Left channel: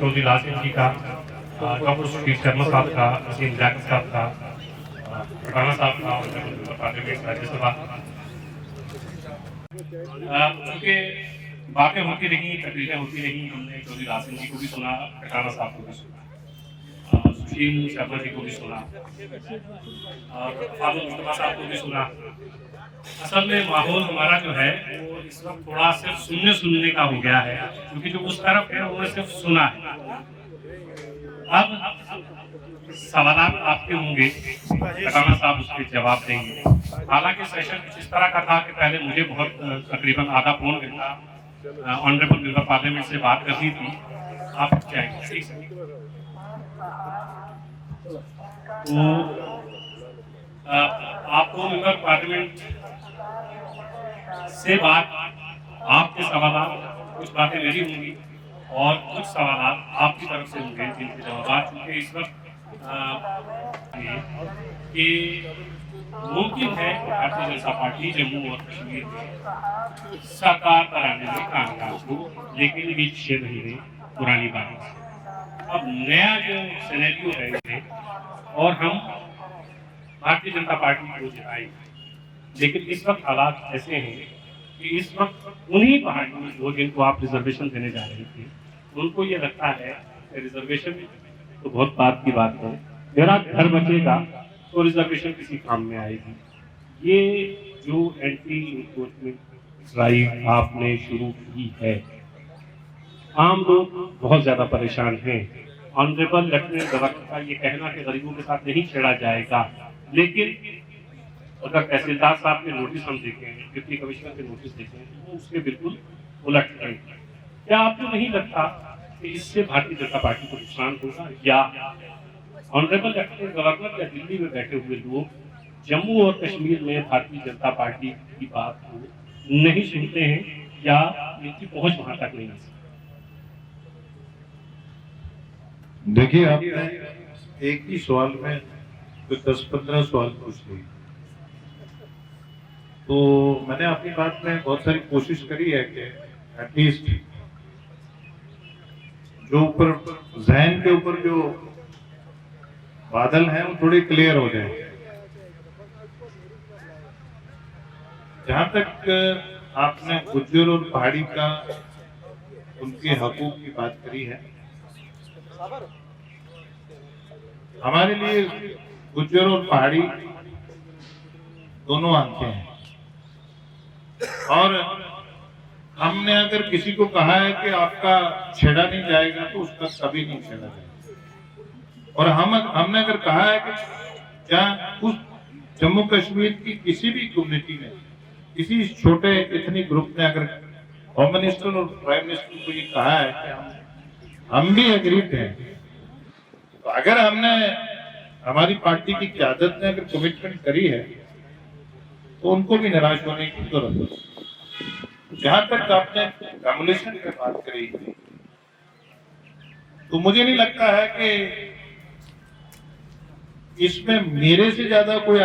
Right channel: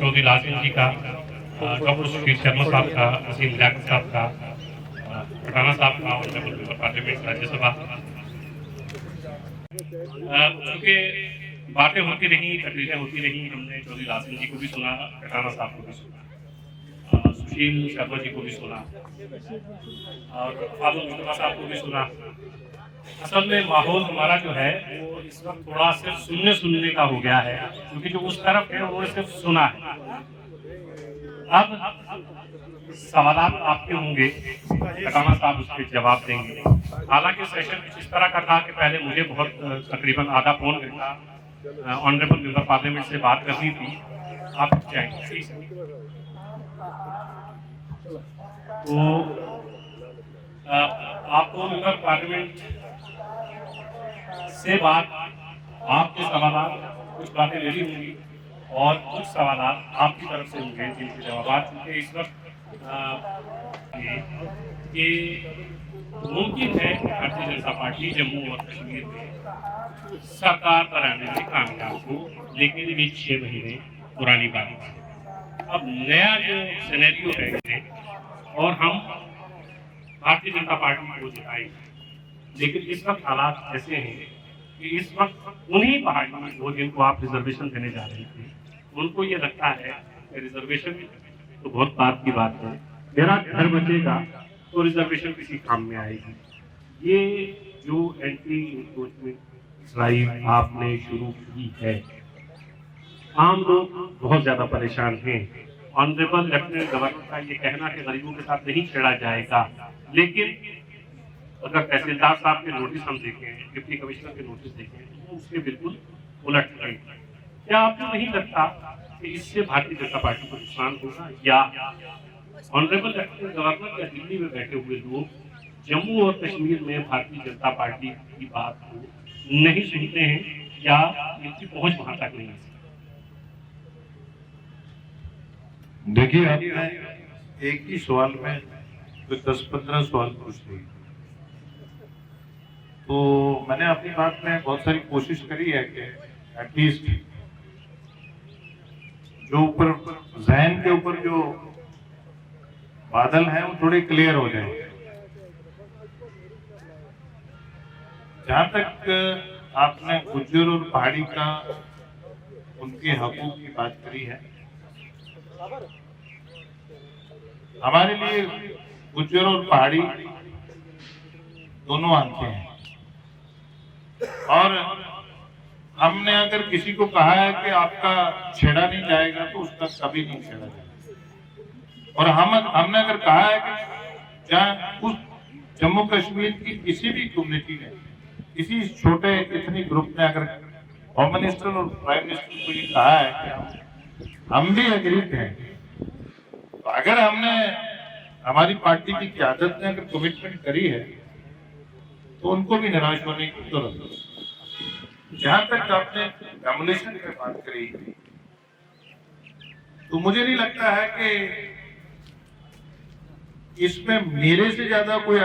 चौधरी लालचंद जी का, डॉक्टर सुशील शर्मा साहब का, वसीम जैकब साहब का, राणा साहब का और पार्लियामेंट राज्यसभा। चूँकि बातें होती रही, तकरीरें होती रही, हमने चौधरी लालचंद जी को भी सुना, राणा साहब को भी सुना, सुशील शर्मा जी को भी सुना और फारूक मुस्तफा साहब को भी सुना। असल में माहौल हमारा जो है वो इस वक्त थोड़ा सिर्फ सुनने का हो गया है, क्योंकि जो उस तरफ है वो सिर्फ सुना है। अब सवाल आपके होंगे, राणा साहब उसके जवाब देंगे। हालांकि सेशन कुछ इस तरह का था कि पहले मुझे बहुत तकरीबन आधा पौन घंटा ऑनरेबल मेंबर पार्लियामेंट से बात करनी थी। आप चाहेंगे तो आपको मेंबर पार्लियामेंट से बात, आपके सवाल, कुछ बातें मेरी होंगी और कुछ सवाल आपकी तरफ से होंगे जिनके जवाब, चूंकि इस वक्त कि मुमकिन है कि भारतीय जनता पार्टी जम्मू और कश्मीर में सरकार पर आने में कामयाब हो, लेकिन ये 6 महीने पुरानी बात है। अब नया जो सिनेरियो है और हम भारतीय जनता पार्टी को जिताएंगे, लेकिन इस वक्त हालात ऐसे हैं कि इस वक्त उन्हीं पहाड़ियों में जो जिनको आप रिजर्वेशन देने जा रहे थे, उनको ये लगता है कि रिजर्वेशन तो बहुत बात की बात है, मेरा घर बचेगा तो रिजर्वेशन किसी काम में आएगी। ये जो एंटी इंक्रोचमेंट ड्राइव आपने शुरू की है, आम लोग बहुत ज्यादा परेशान हैं। ऑनरेबल लेफ्टिनेंट गवर्नर का ये कहना कि गरीबों के साथ नहीं छेड़ा जाएगा, लेकिन अगर तहसीलदार साहब के नोटिस हम देखें, डिप्टी कमिश्नर के नोटिस देखें, तो उसके बिल्कुल उलट है। क्या आपको नहीं लगता कि इससे भारतीय जनता पार्टी को नुकसान होगा, या ऑनरेबल लेफ्टिनेंट गवर्नर या दिल्ली में बैठे हुए लोग जम्मू और कश्मीर में भारतीय जनता पार्टी की बात को नहीं सुनते हैं, या इनकी पहुंच वहां तक नहीं है? देखिए, आपने एक ही सवाल में 10-15 सवाल पूछ लिए, तो मैंने अपनी बात में बहुत सारी कोशिश करी है कि एटलीस्ट जो ऊपर जहन के ऊपर जो बादल हैं वो थोड़े क्लियर हो जाए। जहां तक आपने गुज्जर और पहाड़ी का उनके हकूक की बात करी है, हमारे लिए गुज्जर और पहाड़ी दोनों आंखें हैं, और हमने अगर किसी को कहा है कि आपका छेड़ा नहीं जाएगा तो उसका कभी नहीं छेड़ा जाएगा। और हमने अगर कहा है कि जहाँ उस जम्मू कश्मीर की किसी भी कम्युनिटी ने, किसी छोटे इतनी ग्रुप ने अगर होम मिनिस्टर और प्राइम मिनिस्टर को ये कहा है कि हम भी एग्रीड हैं, तो अगर हमने हमारी पार्टी की क़यादत ने अगर कमिटमेंट करी है तो उनको भी निराश होने की जरूरत है। जहां तक आपने रेगुलेशन की बात करी, तो मुझे नहीं लगता है कि इसमें मेरे से ज्यादा कोई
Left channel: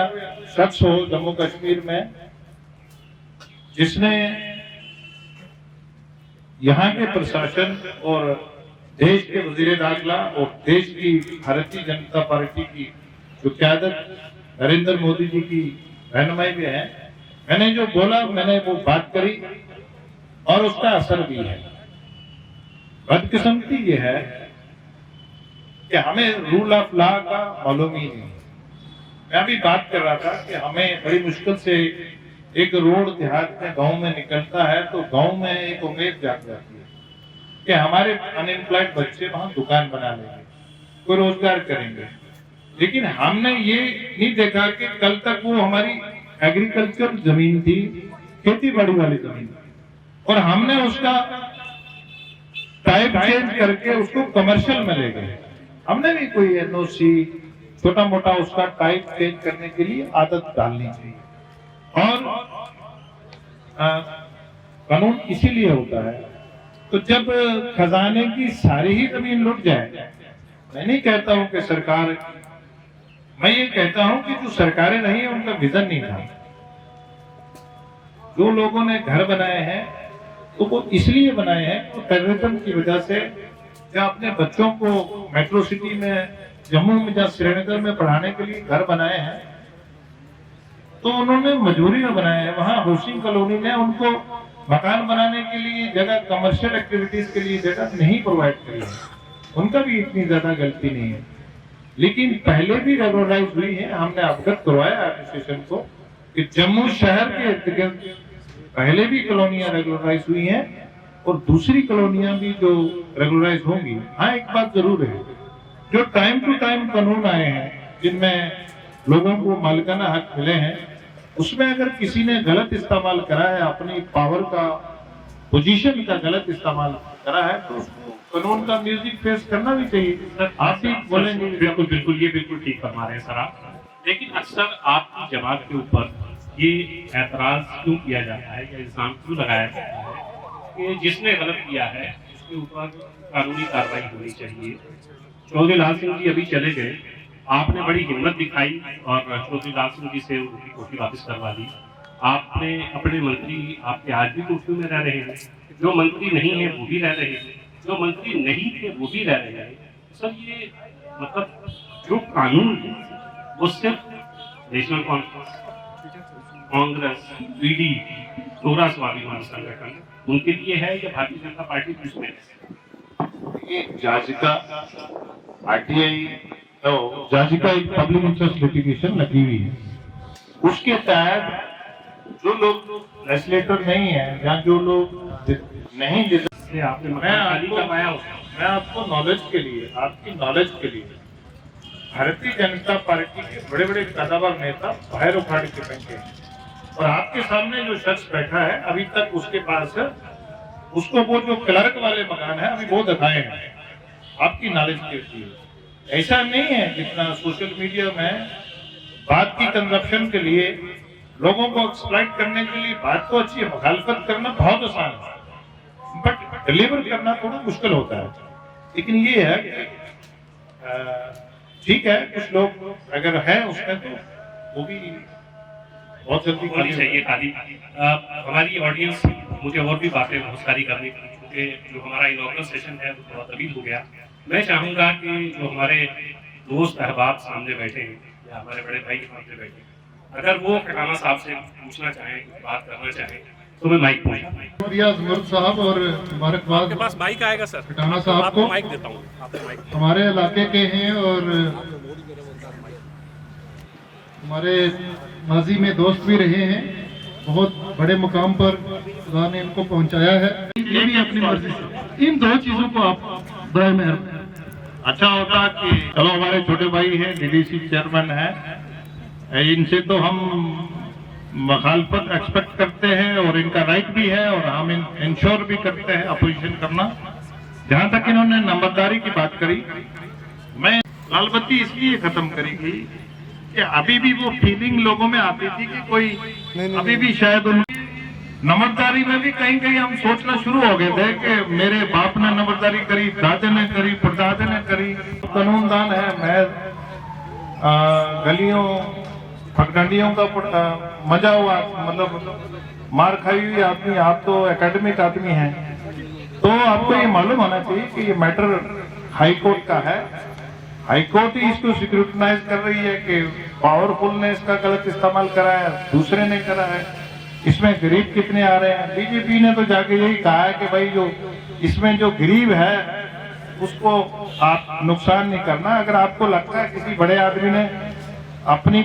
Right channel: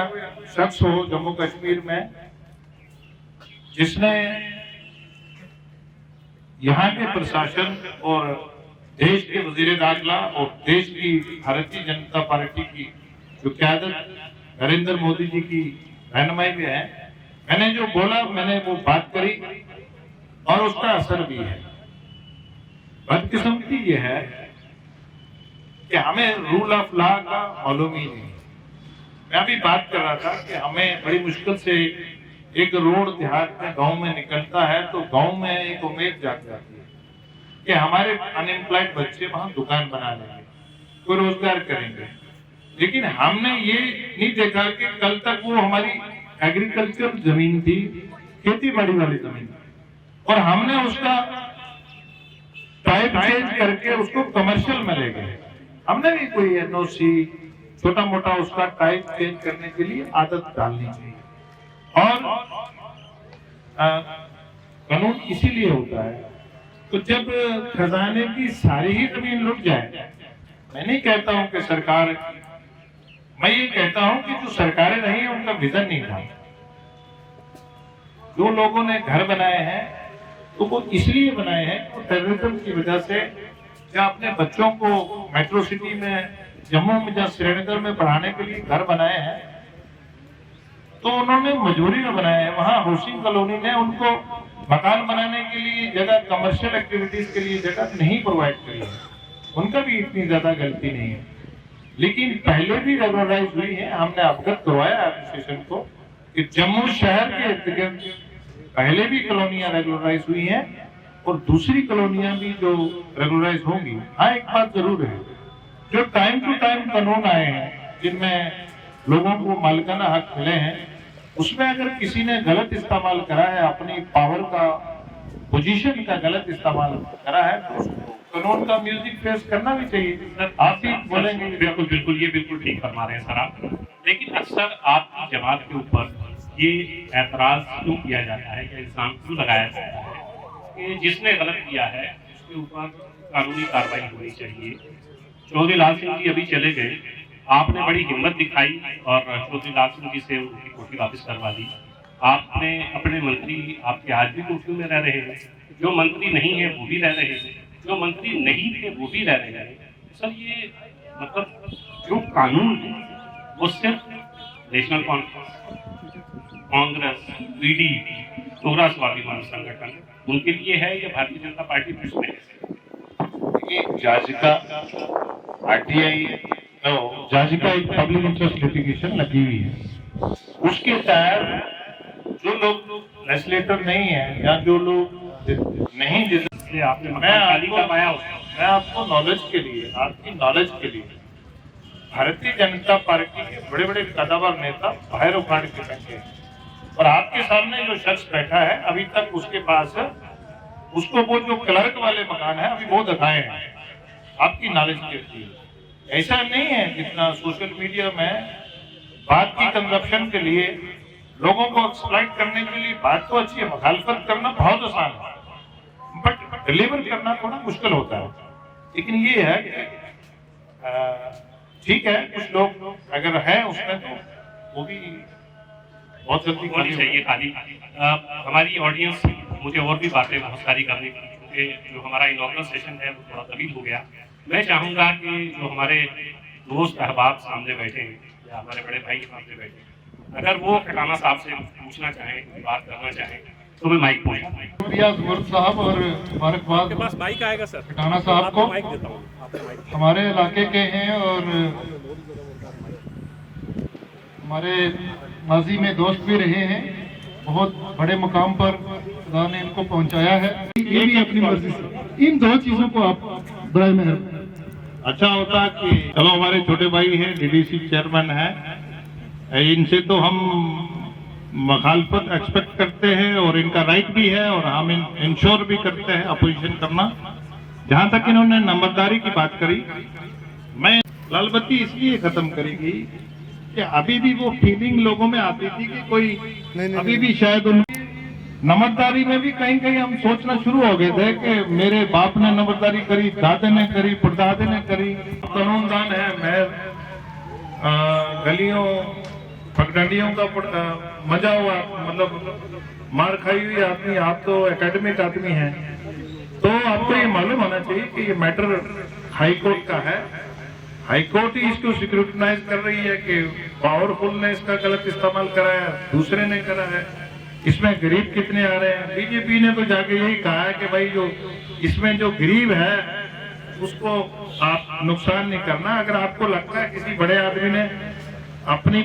शख्स हो जम्मू कश्मीर में जिसने यहाँ के प्रशासन और देश के वजीर दाखिला और देश की भारतीय जनता पार्टी की जो क़यादत नरेंद्र मोदी जी की रहनुमाई में है, मैंने जो बोला मैंने वो बात करी और उसका असर भी है। बदकिस्मती ये है कि हमें रूल ऑफ लॉ का मालूम ही नहीं। मैं अभी बात कर रहा था कि हमें बड़ी मुश्किल से एक रोड देहात में गांव में निकलता है तो गांव में एक उम्मीद जाग जाती है कि हमारे अनएम्प्लॉयड बच्चे वहां दुकान बना लेंगे, कोई रोजगार करेंगे। लेकिन हमने ये नहीं देखा कि कल तक वो हमारी एग्रीकल्चर जमीन थी, खेती बाड़ी वाली जमीन, और हमने उसका टाइप चेंज करके उसको कमर्शियल में ले गए। हमने भी कोई एनओसी छोटा मोटा उसका टाइप चेंज करने के लिए आदत डालनी चाहिए, और कानून इसीलिए होता है। तो जब खजाने की सारी ही जमीन लुट जाए, मैं नहीं कहता हूं कि सरकार, मैं ये कहता हूं कि जो सरकारें रही हैं उनका विजन नहीं था। जो लोगों ने घर बनाए हैं तो वो इसलिए बनाए हैं कि टेररिज्म की वजह से या अपने बच्चों को मेट्रो सिटी में, जम्मू में या श्रीनगर में पढ़ाने के लिए घर बनाए हैं, तो उन्होंने मजबूरी में बनाया है। वहाँ हाउसिंग कॉलोनी में उनको मकान बनाने के लिए जगह, कमर्शियल एक्टिविटीज के लिए जगह नहीं प्रोवाइड करी है। उनका भी इतनी ज्यादा गलती नहीं है, लेकिन पहले भी रेगुलराइज हुई है। हमने अवगत करवाया एडमिनिस्ट्रेशन को कि जम्मू शहर के इर्द-गिर्द पहले भी कॉलोनियां रेगुलराइज हुई हैं और दूसरी कॉलोनियां भी जो रेगुलराइज होंगी। हाँ, एक बात जरूर है, जो टाइम टू टाइम कानून आए हैं जिनमें लोगों को मालिकाना हक मिले हैं, उसमें अगर किसी ने गलत इस्तेमाल करा है, अपनी पावर का, पोजीशन का गलत इस्तेमाल करा है, तो उसको कानून का म्यूजिक फेस करना भी चाहिए। आप ही बोलेंगे। बिल्कुल बिल्कुल, ये बिल्कुल ठीक फरमा रहे हैं सर आप। लेकिन अक्सर आपकी जमात के ऊपर ये ऐतराज क्यों किया जाता है या इल्जाम क्यों लगाया जाता है कि जिसने गलत किया है उसके ऊपर कानूनी कार्रवाई होनी चाहिए। चौधरी लाल सिंह जी अभी चले गए, आपने बड़ी हिम्मत दिखाई और चौधरी लाल सिंह जी से उनकी कोठी वापस करवा दी। आपने अपने मंत्री, आपके आज भी कोठी में रह रहे हैं, जो मंत्री नहीं है वो भी रह रहे हैं, जो मंत्री नहीं थे वो भी रह रहे हैं। सर ये मतलब जो कानून है वो सिर्फ नेशनल कॉन्फ्रेंस, कांग्रेस, पीडीपी, टोरा स्वाभिमान संगठन उनके लिए है या भारतीय जनता पार्टी दूसरे? ये जाजिका आरटीआई, तो जाजिका एक पब्लिक इंटरेस्ट लिटिगेशन लगी हुई है। उसके तहत जो लोग लेजिस्लेटर नहीं है या जो लोग नहीं जिस आपने मकान खाली करवाया हो, मैं आपको नॉलेज के लिए, आपकी नॉलेज के लिए, भारतीय जनता पार्टी के बड़े बड़े कदावर नेता बाहर उखाड़ के बैठे हैं और आपके सामने जो शख्स बैठा है अभी तक उसके पास उसको वो जो क्लर्क वाले मकान है अभी वो दिखाए हैं। आपकी नॉलेज के लिए ऐसा नहीं है जितना सोशल मीडिया में बात की कंजप्शन के लिए, लोगों को एक्सप्लॉइट करने के लिए बात तो अच्छी है, मुखालफत करना बहुत आसान है, बट डिलीवर करना थोड़ा मुश्किल होता है। लेकिन ये है ठीक है, कुछ लोग अगर है उसमें तो वो भी बहुत जल्दी होनी चाहिए खाली। हमारी ऑडियंस मुझे और भी बातें बहुत सारी करनी थी क्योंकि जो हमारा इनॉग्रल सेशन है वो थोड़ा तवील हो गया। मैं चाहूंगा कि जो हमारे दोस्त अहबाब सामने बैठे हैं या हमारे बड़े भाई के सामने बैठे हैं, अगर वो खटाना साहब से पूछना चाहें, बात करना चाहें, तो मैं माइक पूछूं। रियाज मुर्द साहब और मुबारकबाद आपके पास माइक आएगा सर, खटाना साहब को। माइक देता हूँ, आपको माइक। हमारे इलाके के हैं और हमारे माजी में दोस्त भी रहे हैं, बहुत बड़े मुकाम पर खुदा ने इनको पहुंचाया है। ये भी अपनी मर्जी से इन दो चीजों को आप बड़े मेहरबान। अच्छा होता कि चलो हमारे छोटे भाई हैं, डीडीसी चेयरमैन हैं, इनसे तो हम मुखालफत एक्सपेक्ट करते हैं और इनका राइट भी है और हम इंश्योर भी करते हैं अपोजिशन करना। जहां तक इन्होंने नंबरदारी की बात करी, मैं लाल बत्ती इसलिए खत्म करी गई कि अभी भी वो फीलिंग लोगों में आती थी कि कोई अभी भी शायद उन नंबरदारी में भी कहीं कहीं हम सोचना शुरू हो गए थे कि मेरे बाप ने नंबरदारी करी, दादे ने करी, परदादे ने करी। कानूनदान है, मैं गलियों फटगंडियों का मजा हुआ, मतलब मार खाई हुई आदमी, आप तो एकेडमिक आदमी हैं, तो आपको ये मालूम होना चाहिए कि ये मैटर हाई कोर्ट का है। हाई कोर्ट ही इसको स्क्रूटनाइज कर रही है कि पावरफुल ने इसका गलत इस्तेमाल करा है, दूसरे ने करा है, इसमें गरीब कितने आ रहे हैं। बीजेपी ने तो जाके यही कहा है कि भाई जो इसमें जो गरीब है उसको आप नुकसान नहीं करना। अगर आपको लगता है किसी बड़े आदमी ने अपनी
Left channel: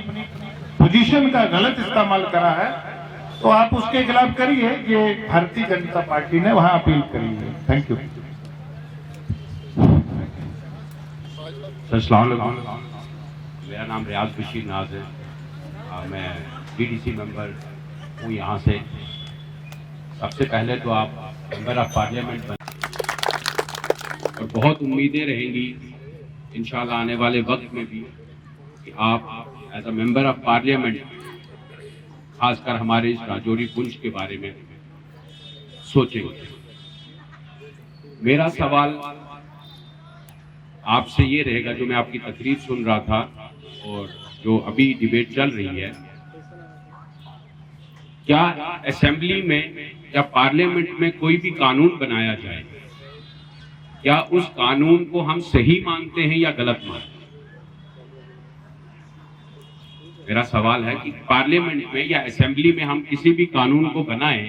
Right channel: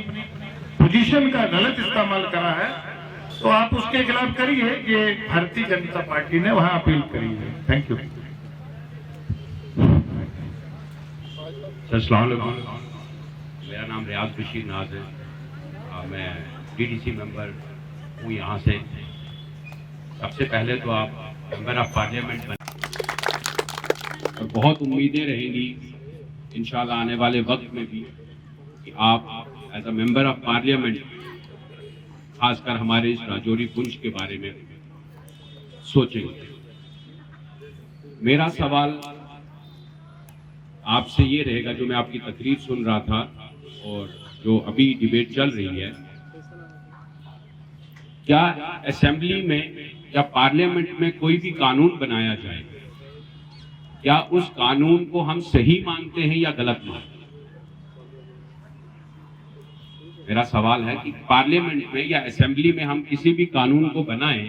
पोजीशन का गलत इस्तेमाल करा है तो आप उसके खिलाफ करिए। ये भारतीय जनता पार्टी ने वहां अपील करी है। Thank you. अस्सलाम वालेकुम, मेरा नाम रियाज बशीर नाज है, मैं डीडीसी मेंबर हूँ यहाँ से। सबसे पहले तो आप मेंबर ऑफ पार्लियामेंट बने और बहुत उम्मीदें रहेंगी इंशाल्लाह आने वाले वक्त में भी कि आप as a member of parliament खासकर हमारे इस राजौरी पुंछ के बारे में सोचेंगे। मेरा सवाल आपसे ये रहेगा, जो मैं आपकी तकरीर सुन रहा था और जो अभी डिबेट चल रही है, क्या असेंबली में या पार्लियामेंट में कोई भी कानून बनाया जाए क्या उस कानून को हम सही मानते हैं या गलत मानते हैं? मेरा सवाल है कि पार्लियामेंट में या असेंबली में हम किसी भी कानून को बनाएं,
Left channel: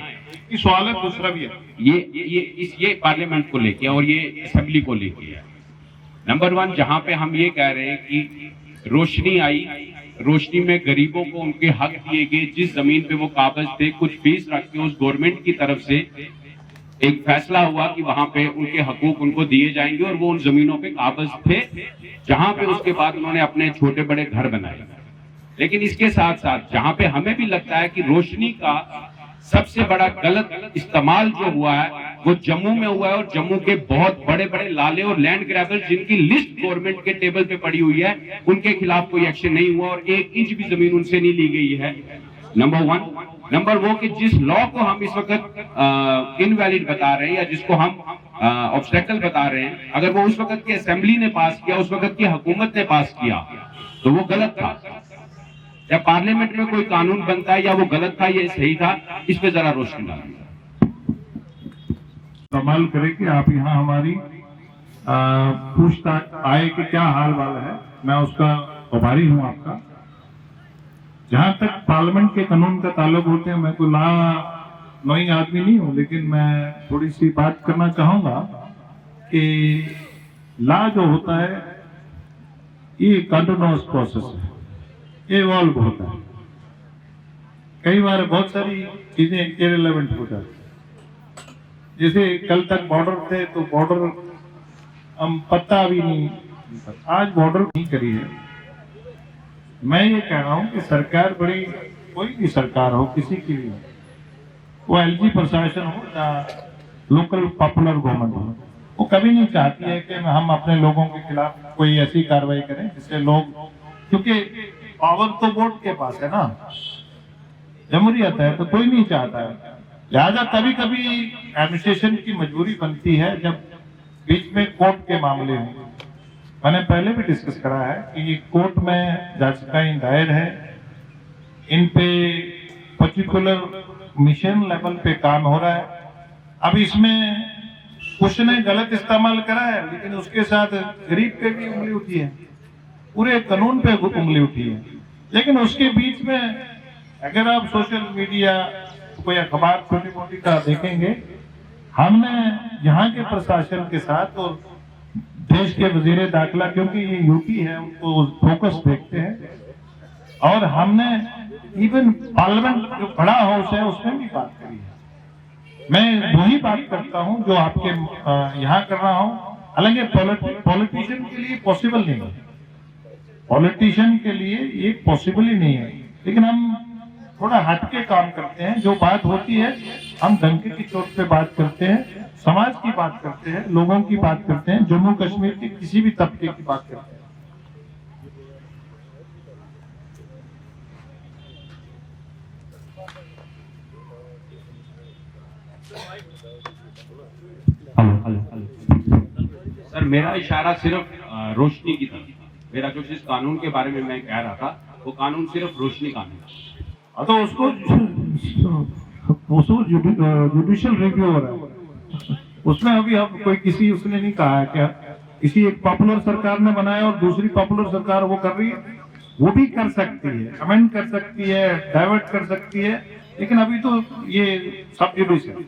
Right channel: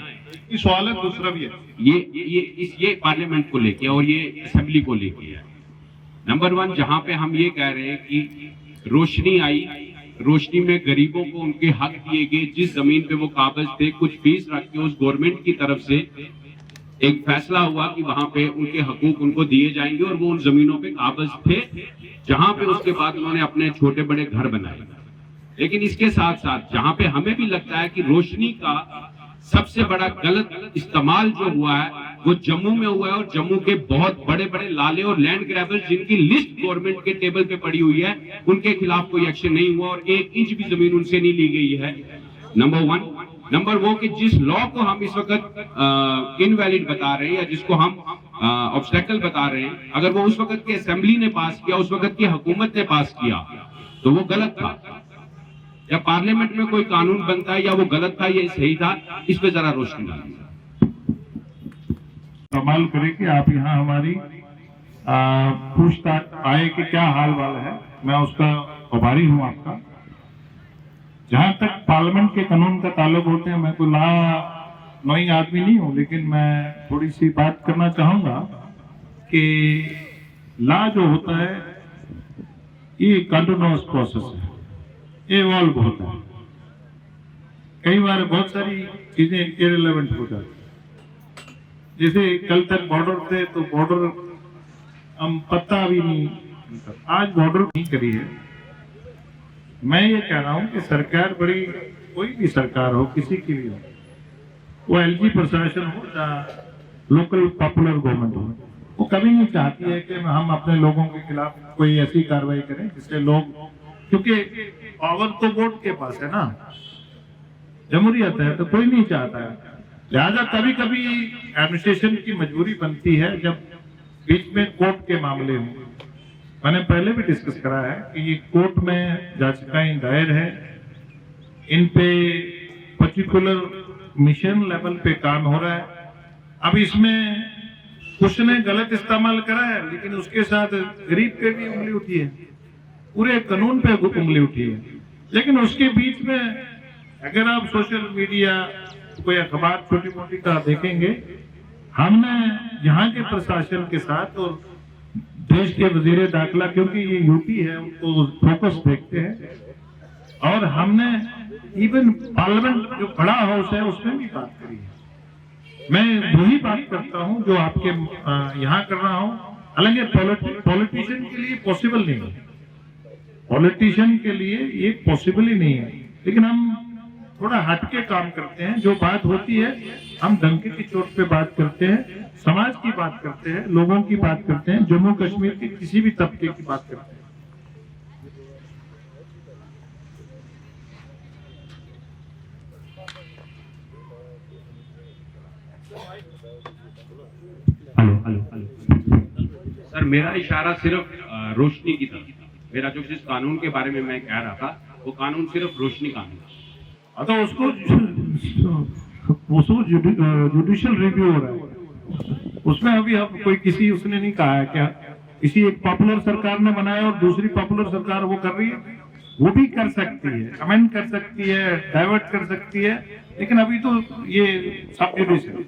ये सवाल है, दूसरा भी है। ये पार्लियामेंट को लेके और ये असेंबली को लेके है। नंबर 1, जहां पे हम ये कह रहे हैं कि रोशनी आई, रोशनी में गरीबों को उनके हक दिए गए, जिस जमीन पे वो कागज थे, कुछ फीस रख के उस गवर्नमेंट की तरफ से एक फैसला हुआ कि वहां पे उनके हकूक उनको दिए जाएंगे और वो उन जमीनों पे कागज थे, जहां पे उसके बाद उन्होंने अपने छोटे बड़े घर बनाए। लेकिन इसके साथ साथ जहां पे हमें भी लगता है कि रोशनी का सबसे बड़ा गलत इस्तेमाल जो हुआ है वो जम्मू में हुआ है, और जम्मू के बहुत बड़े बड़े लाले और लैंड ग्रैबर्स जिनकी लिस्ट गवर्नमेंट के टेबल पे पड़ी हुई है, उनके खिलाफ कोई एक्शन नहीं हुआ और 1 इंच भी जमीन उनसे नहीं ली गई है। नंबर 1। नंबर वो कि जिस लॉ को हम इस वक्त इनवैलिड बता रहे हैं या जिसको हम ऑब्स्टेकल बता रहे हैं, अगर वो उस वक्त की असेंबली ने पास किया, उस वक्त की हुकूमत ने पास किया, तो वो गलत था। या पार्लियामेंट में कोई कानून बनता है या वो गलत था या सही था, इस पे जरा रोशनी डालिए। कमाल करे कि आप यहाँ हमारी पूछताछ आए कि क्या हाल वाल है, मैं उसका आभारी हूँ आपका। जहाँ तक पार्लियामेंट के कानून का ताल्लुक होते हैं, मैं कोई नई आदमी नहीं हूँ, लेकिन मैं थोड़ी सी बात करना चाहूंगा कि लॉ जो होता है ये कंटिन्यूअस प्रोसेस है, ये इवॉल्व होता है। कई बार बहुत सारी चीजें इररिलेवेंट हो जाती है। जैसे कल तक बॉर्डर थे तो बॉर्डर हम पता भी नहीं, आज बॉर्डर नहीं करी है। मैं ये कह रहा हूं कि सरकार बड़ी, कोई भी सरकार हो, किसी की भी हो, वो एलजी प्रशासन हो या लोकल पॉपुलर गवर्नमेंट हो, वो कभी नहीं चाहती है कि हम अपने लोगों के खिलाफ कोई ऐसी कार्रवाई करें जिससे लोग, क्योंकि पावर तो वोट के पास है ना, जमहूरियत है, तो कोई नहीं चाहता है। लिहाजा कभी कभी एडमिनिस्ट्रेशन की मजबूरी बनती है जब बीच में कोर्ट के मामले हों। मैंने पहले भी डिस्कस करा है कि ये कोर्ट में याचिकाएं दायर है, इन पे पर्टिकुलर मिशन लेवल पे काम हो रहा है। अब इसमें कुछ ने गलत इस्तेमाल करा है, लेकिन उसके साथ गरीब पे भी उंगली उठी है, पूरे कानून पे उंगली उठी है। लेकिन उसके बीच में अगर आप सोशल मीडिया, कोई अखबार छोटी मोटी का देखेंगे, हमने यहाँ के प्रशासन के साथ और देश के वजीर दाखिला, क्योंकि ये यूपी है, उनको फोकस देखते हैं, और हमने इवन पार्लियामेंट जो बड़ा हाउस है उसमें भी बात करी है। मैं वही बात करता हूँ जो आपके यहाँ कर रहा हूँ। हालांकि पॉलिटिशियन के लिए पॉसिबल नहीं है, पॉलिटिशियन के लिए ये पॉसिबल ही नहीं है, लेकिन हम थोड़ा हटके काम करते हैं। जो बात होती है हम डंके की चोट पे बात करते हैं, समाज की बात करते हैं, लोगों की बात करते हैं, जम्मू कश्मीर के किसी भी तबके की बात करते हैं। सर, मेरा इशारा सिर्फ रोशनी की तरफ था। मेरा जो जिस कानून के बारे में मैं कह रहा था वो कानून सिर्फ रोशनी कानून था। तो उसको जुडिशियल रिव्यू हो रहा है, उसमें अभी अब कोई किसी उसने नहीं कहा है क्या किसी एक पॉपुलर सरकार ने बनाया और दूसरी पॉपुलर सरकार वो कर रही है, वो भी कर सकती है, कमेंट कर सकती है, डाइवर्ट कर सकती है, लेकिन अभी तो ये सब जुडिशियल।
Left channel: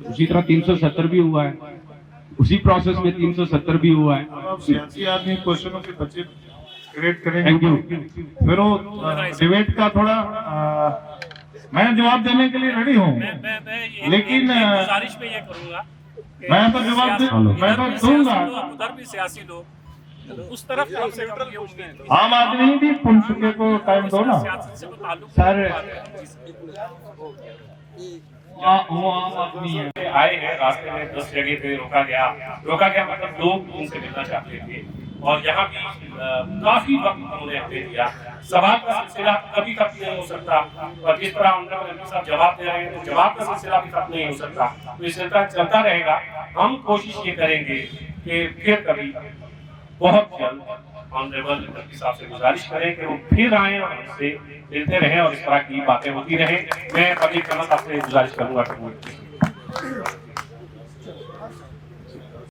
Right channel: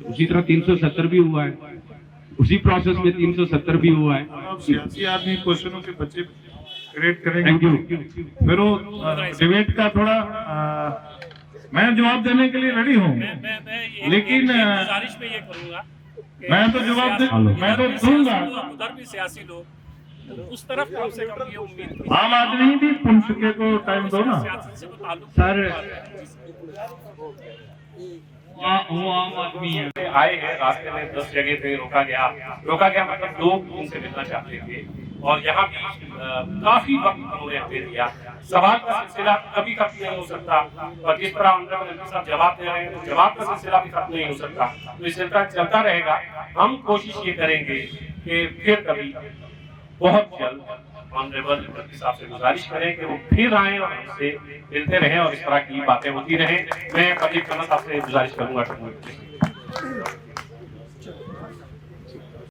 उसी तरह 370 भी हुआ है, उसी प्रोसेस में 370 भी हुआ है। सियासी आदमी क्वेश्चनों के बच्चे क्रिएट करेंगे, फिर वो डिबेट का थोड़ा मैं जवाब देने के लिए रेडी हूँ, लेकिन गुजारिश में ये करूंगा, मैं तो जवाब मैं तो दूंगा। उधर भी सियासी लोग उस तरफ कम से कम ये उम्मीद थी। आम आदमी भी पुंछके को टाइम दो ना सर। वो आम आदमी आए हैं, रास्ते में 10 जगह पे रोका गया मतलब लोग उनसे मिलना चाहते थे, और यहाँ भी काफी वक्त उन्होंने हमें दिया। सवाल का सिलसिला कभी खत्म नहीं हो सकता, और जिस तरह ऑनरेबल एमपी साहब जवाब दे रहे हैं तो जवाब का सिलसिला भी खत्म नहीं हो सकता, तो ये सिलसिला चलता रहेगा। हम कोशिश ये करेंगे कि फिर कभी बहुत जल्द ऑनरेबल एमपी साहब से गुजारिश करें कि वो फिर आए और हमसे मिलते रहें और इस तरह की बातें होती रहें। मैं पब्लिक साहब से गुजारिश करूंगा।